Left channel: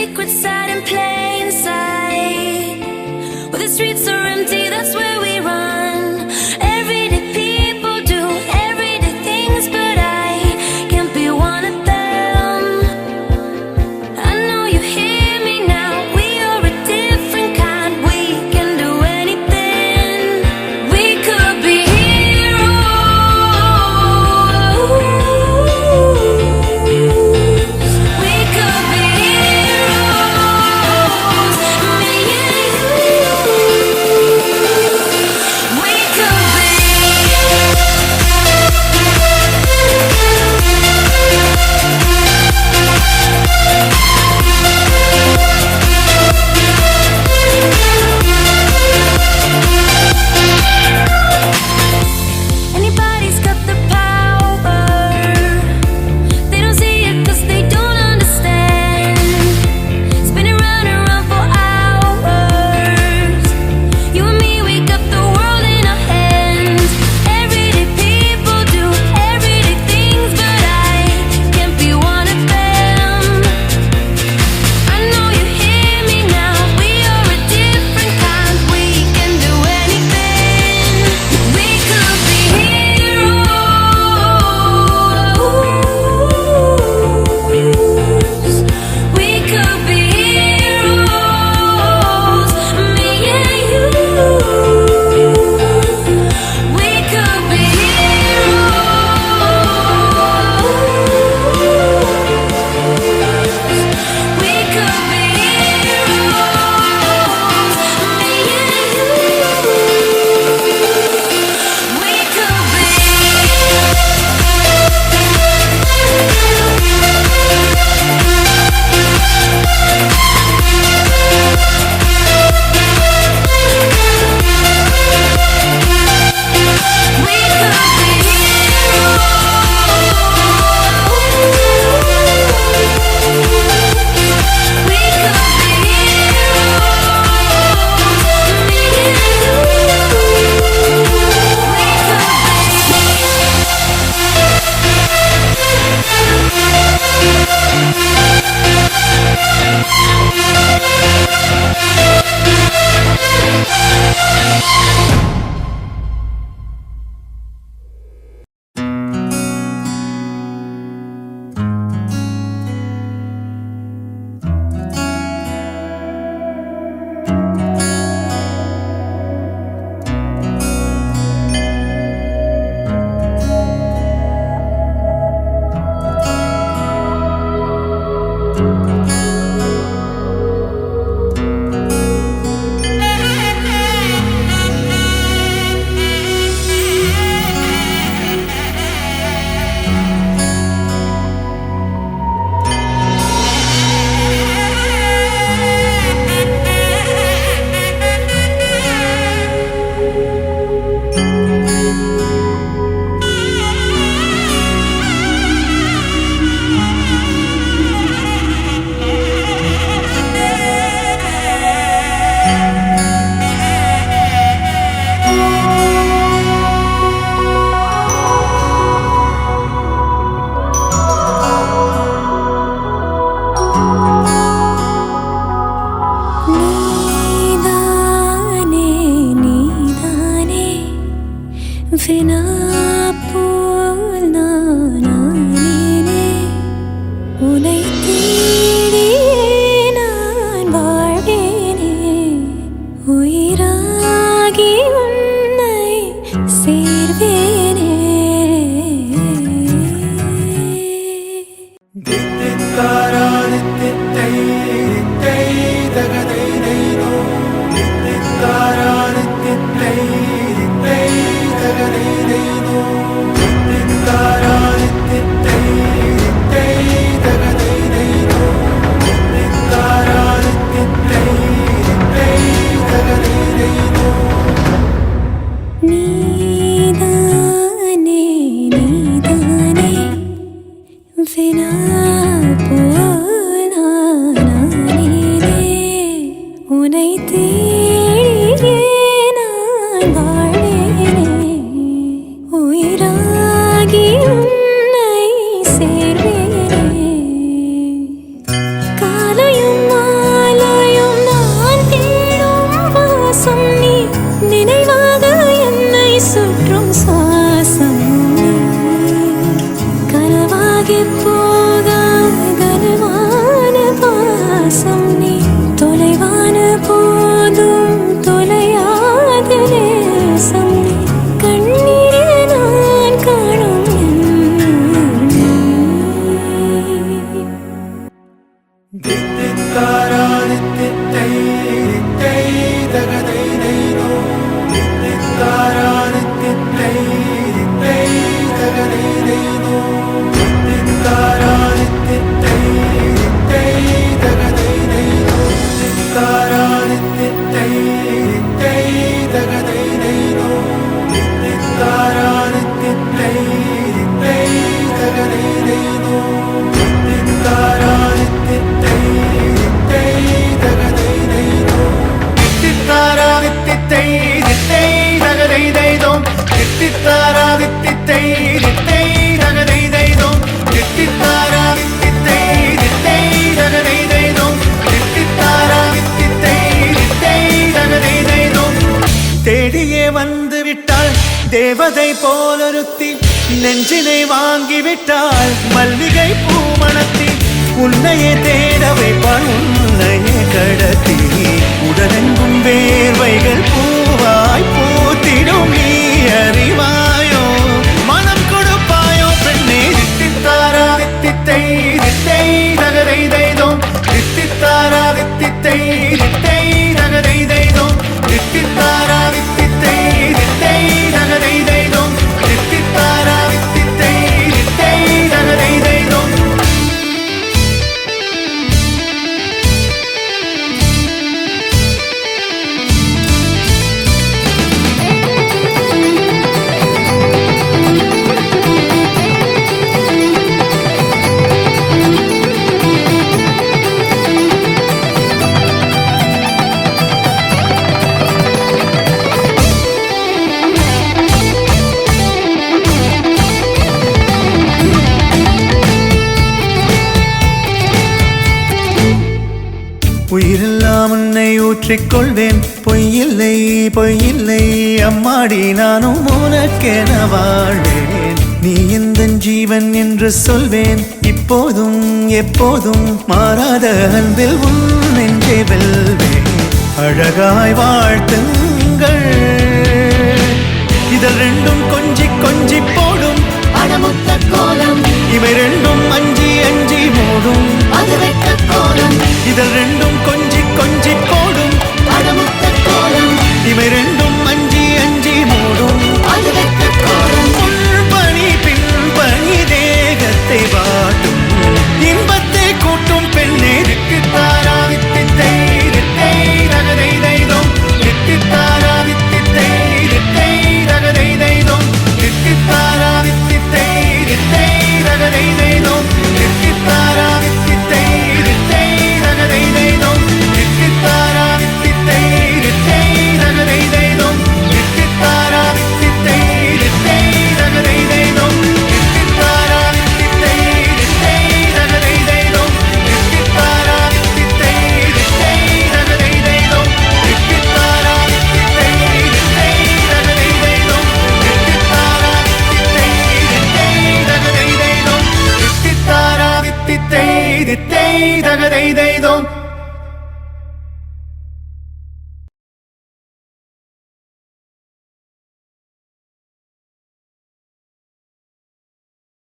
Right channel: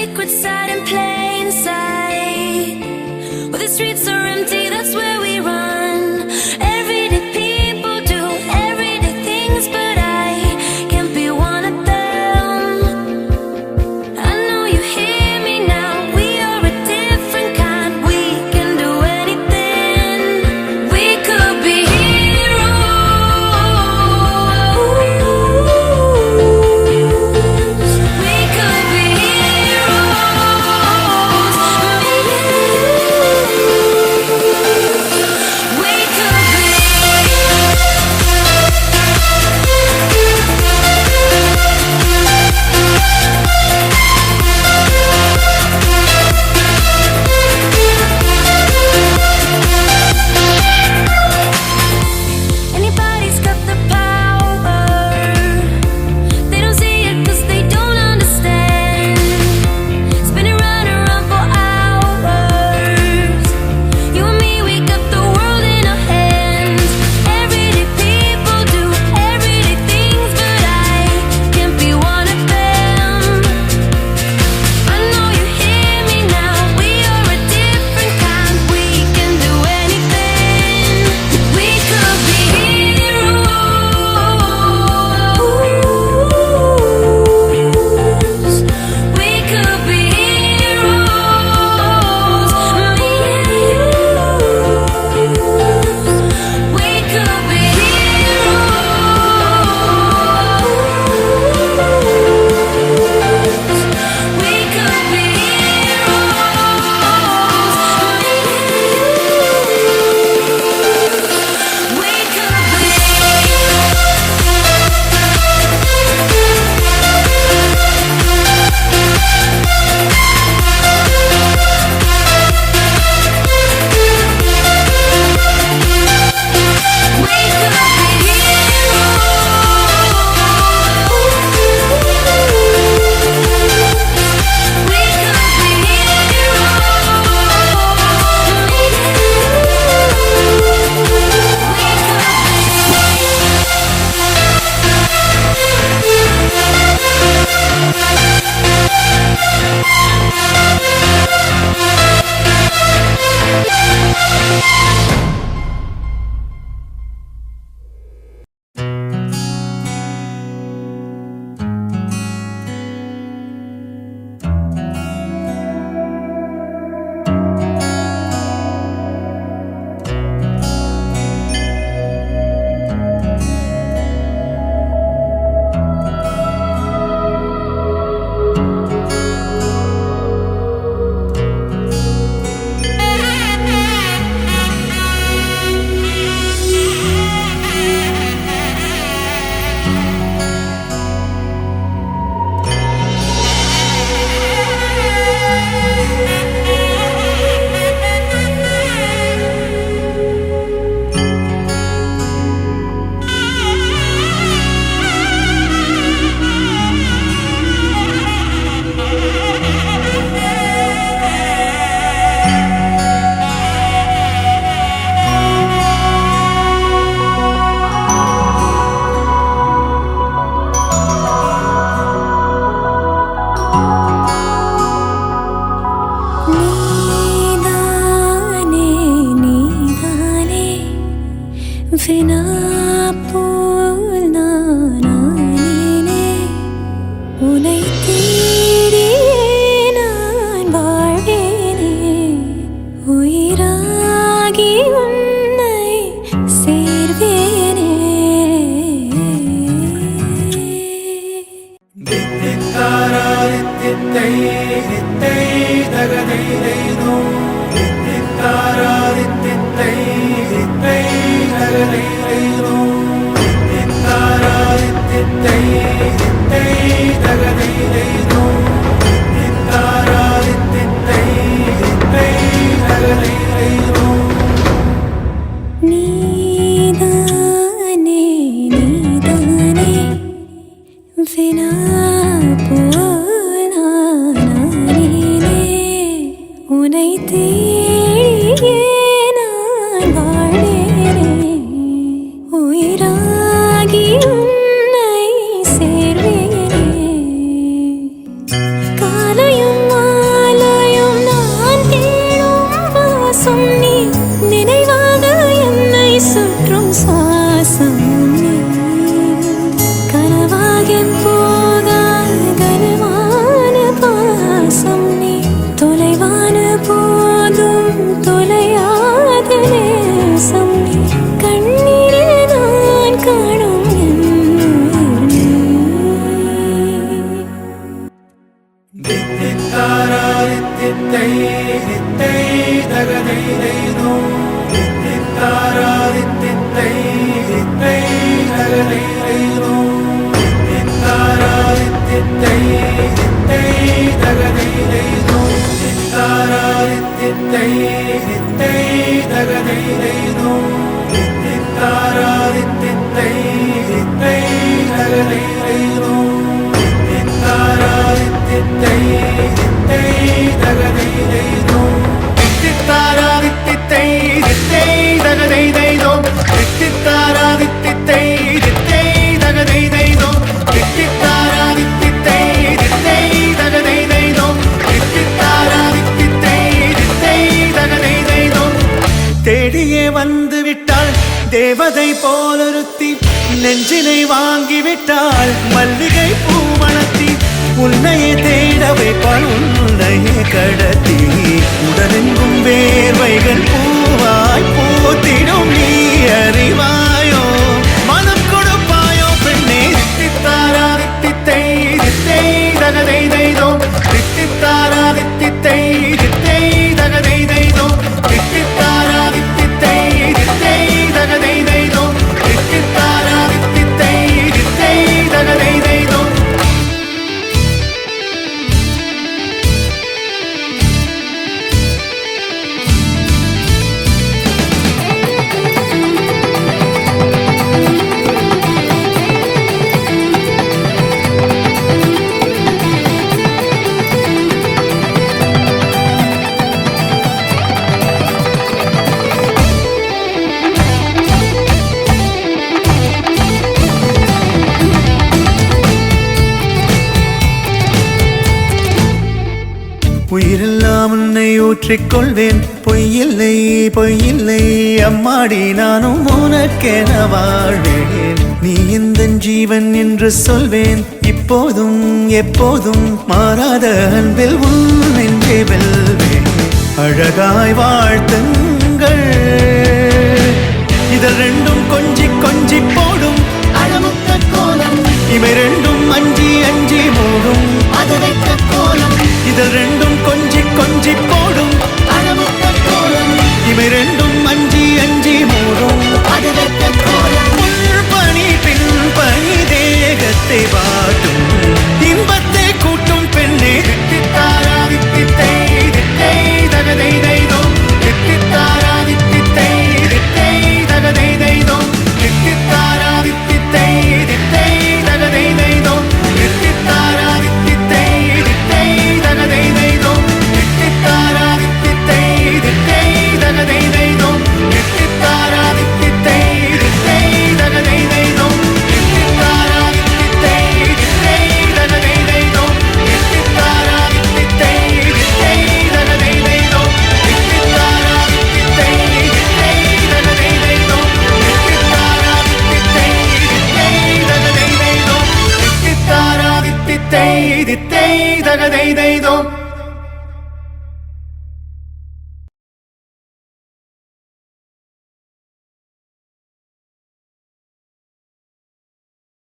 secrets out in plain sight. Where the streets are empty, that's where we run. Everyday people do everyday things, but I can't be one of them. I know you hear me now, we are a different kind. We can do anything. We could be heroes. We could be heroes. Me and you. We could be. Anybody's got the power. They don't see it 'cause they don't understand. Spinning round and round for hours. You and me, we got the world in our hands. Everyday people do everyday things, but I can't be one of them. I know you hear me now, we are a different kind. We can do anything. We could be heroes. We could be heroes. Me and you. We could be heroes. We could be heroes. Me and you. We could be. We could be heroes. We could be heroes. Me and you. நீதானே வினா போல் நானே உனை தேடியே நான் வாழ்வேனே உயிராகி உன்னை சேர்வேனே தித்தித்தாராதித்தித்தை தித்தை தகதைதைதோ தித்தித்தாராதித்தித்தை தித்தை தகதைதைதோ தித்தித்தாராதித்தித்தை தித்தை தகதைதைதோ தித்தித்தாராதித்தித்தை தித்தை தகதைதைதோ நீதானே நீதானே வினா போல் நானே உனை தேடியே நான் வாழ்வேனே உயிராகி உன்னை சேர்வேனே காலையும் தித்தை தித்தை தகதை தைதோ தித்தித்தாரா தித்தை தித்தை தகதை தைதோ தித்தித்தாரா தித்தை தித்தை தகதை தைதோ தித்தாரா தித்தை தித்தை தகதை தைதோ தித்தித்தாரா தித்தை தித்தை தகதை தைதோ தித்தித்தாரா தித்தை தித்தை தகதை தைதோ தித்தித்தாரா தித்தை தித்தை தகதை தைதோ தித்தித்தாரா தித்தை தித்தை தகதை தைதோ தித்தித்தாரா தித்தை தித்தை தகதை தைதோ தித்தித்தாரா தித்தை தித்தை தகதை தைதோ தேடியே வந்து விட்டாள் தேவதை போலொருத்தி நெஞ்சினை வாங்கிவிட்டாள் மல்லிகை பூமணத்தி உன்னையே தேட வைப்பாள் உன்னையே கடத்தி உடலெங்கும் வேர்வைகள் பூவாய் பூத்திடும் நீ அறிவாயோ மனம் கொடுப்பாயோ பெண்ணே தித்தித்தாரா தித்தை தித்தை தகதை தைதோ தித்தித்தாரா தித்தை தித்தை தகதை தைதோ தித்தித்தாரா தித்தை தித்தை தகதை தைதோ தித்தித்தாரா தித்தை தித்தை தகதை தைதோ உயிரெல்லாம் உன்னை ஊற்றிக்கொள்வேன் பொய்யில்லை பொய்யில்லை அம்மாடி நானும் உனக்கென வாழ்வேன் நீ எந்த ஜீவன் என்று சொல்வேன் இப்போதும் எப்போதும் மாறாத அன்பில் உன் நெஞ்சை வெல்வேன் அழகாய் வாழ்த்துங்கள் இதழ் ரெண்டும் கொஞ்சி கொஞ்சி போடும் இவை ரெண்டும் அஞ்சி அஞ்சி மூடும் இதழ் ரெண்டும் கொஞ்சி கொஞ்சி போடும் இவை ரெண்டும் அஞ்சி அஞ்சி மூடும் முன்பணி பின்பணி தேகத்தை வாட்டும் இன்பத்தை கூட்டும் பெண்ணே தித்தித்தாரா தித்தை தித்தை தகதை தைதோ தித்தித்தாரா தித்தை தித்தை தகதை தைதோ தித்தித்தாரா தித்தை தித்தை தகதை தைதோ தித்தித்தாரா தித்தை தித்தை தகதை தைதோ தித்தித்தாரா தித்தை தித்தை தகதை தைதோ தித்தித்தாரா தித்தை தித்தை தகதை தைதோ தித்தித்தாரா தித்தை தித்தை தகதை தைதோ தித்தித்தாரா தித்தை தித்தை தகதை தைதோ தித்தித்தாரா தித்தை தித்தை தகதை தைதோ தித்தித்தாரா தித்தை தித்தை தகதை தைதோ தித்தித்தாரா தித்தை தித்தை தகதை தைதோ